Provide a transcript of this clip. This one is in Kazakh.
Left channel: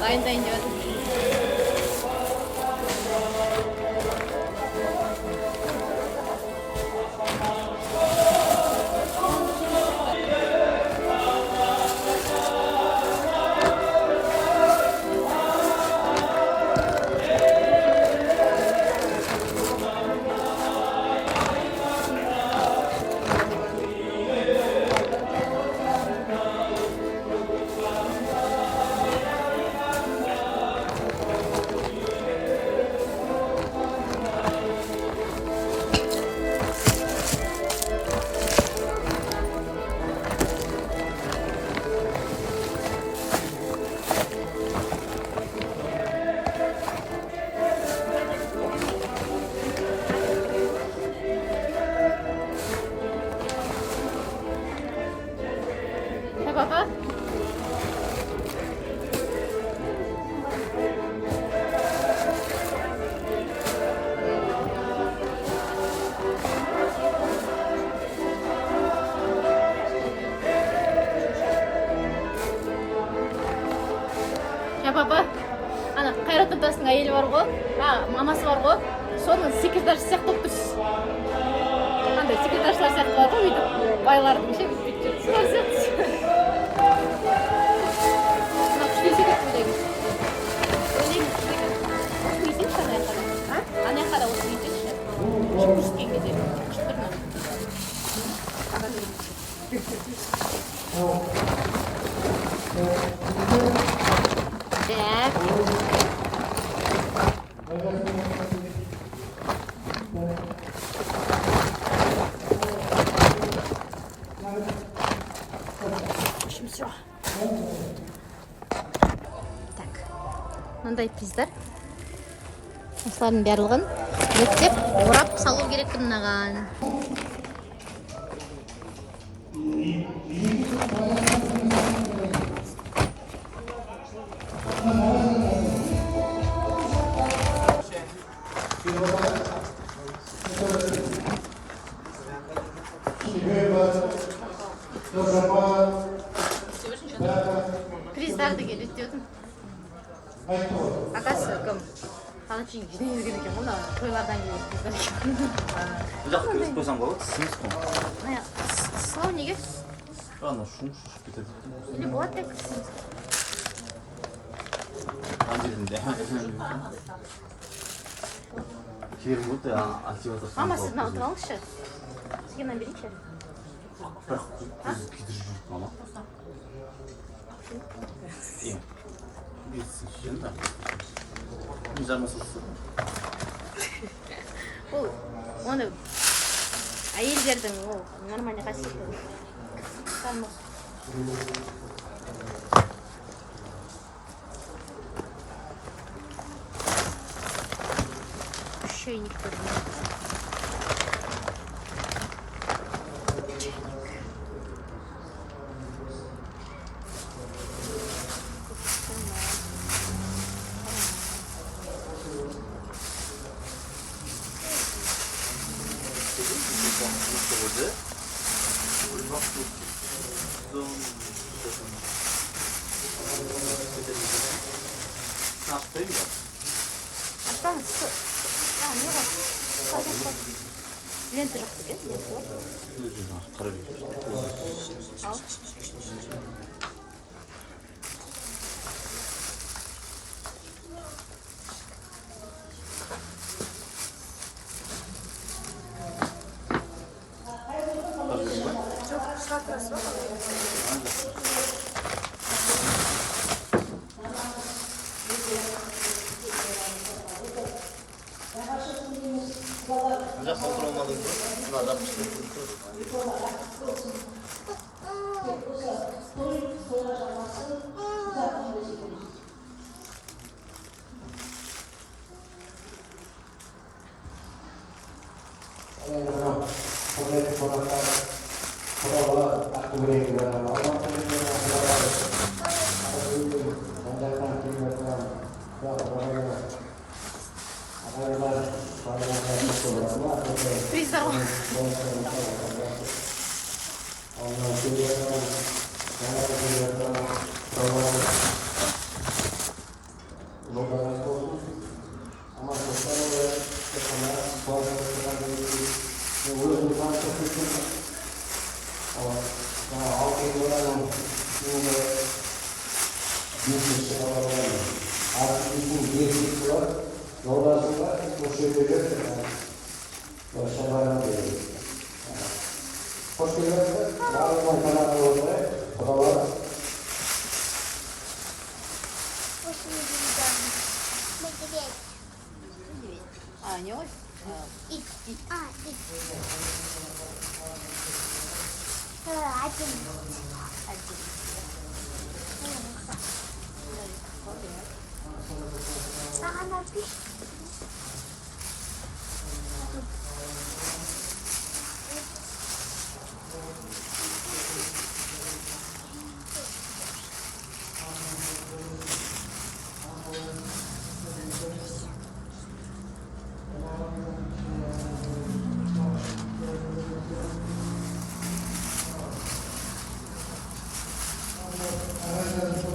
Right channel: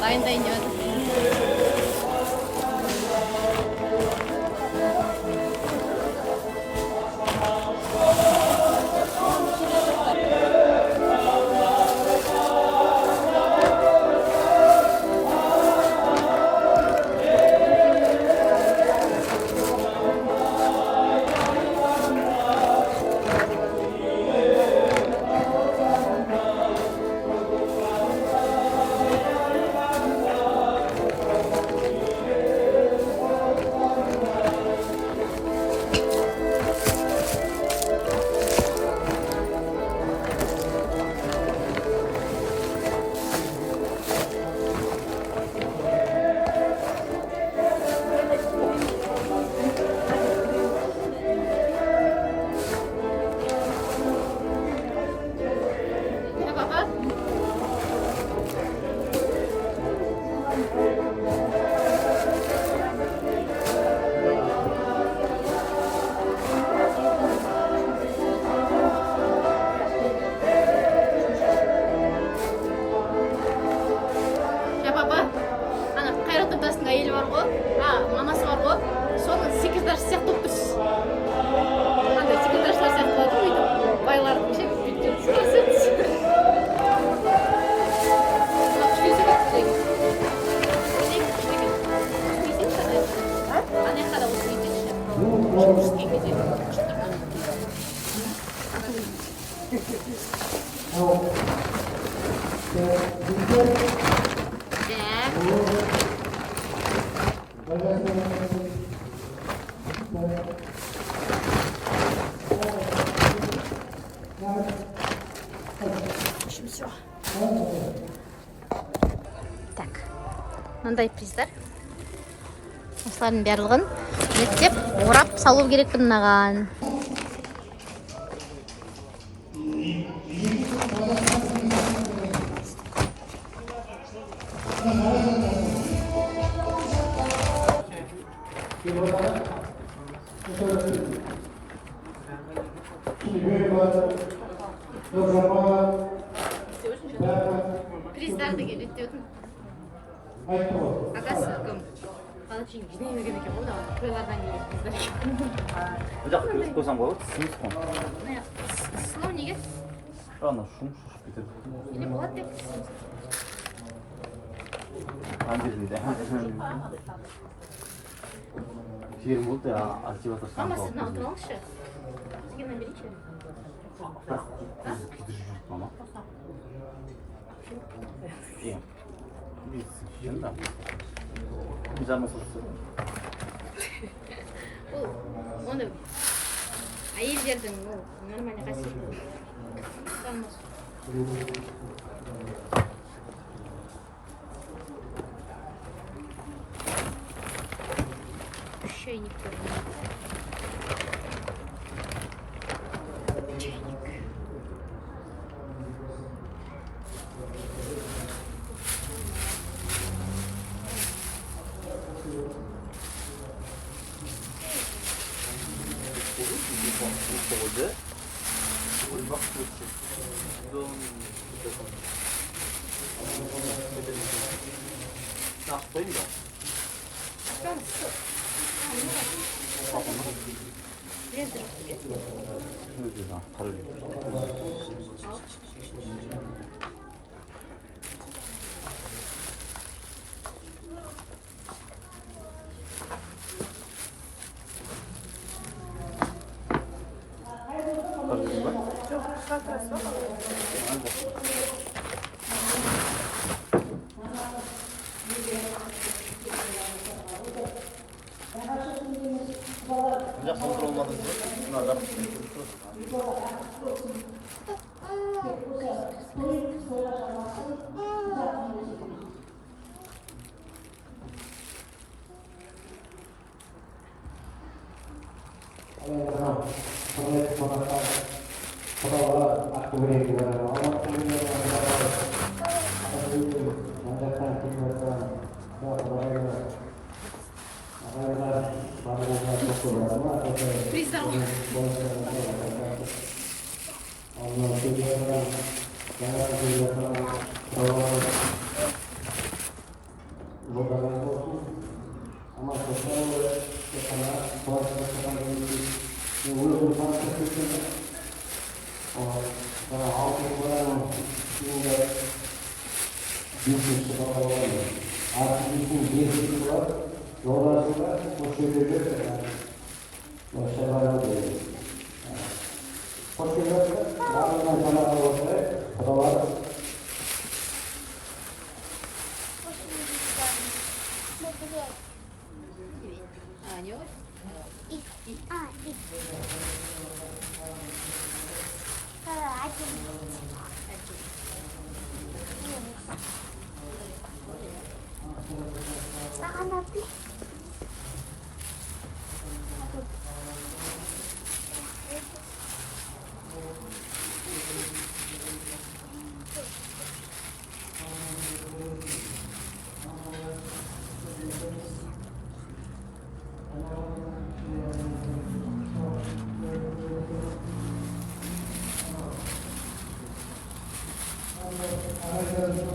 Dayındayın деп жатыр. Papa. Папа, ана Қайрат Нұртастың әйелі бар ғой, мамасы бар ғой, соның секретаршы сияқты болып тұрсыз. Андай секретаршылар сияқты бар ғой, бүйтіп байлардың ше бүйтіп жүрсіз. Ана жақта да осы үйдеші. Күшкен кезде. Так, мындай приздер. Осылардың барлығын еттеп, орап салу керекпін мынаған. Приздарды келеді дедің. Атасы кім? Палачин жинай берген екен ғой, тойлардан келген қыздар екен. Бұл жақты өз қойсам болады, сіңіз қой. Слау неге? Ана шум шушып кетеді. Или болады тек? Анжелінде. Жерім болды, активатор. Мама, сіз мына ұтып алыңызшы. Сізге мына берейінші. Бірақ көзі күйдіріп жүрді, мама. Е, білесің, шешен да. Жармасылсы. Бұл, оны әйелдердің нормальный қасиеті. Жармас. Шейниктер. А, не ось? Ит. Ит. Один. Так она пишет. Gracias.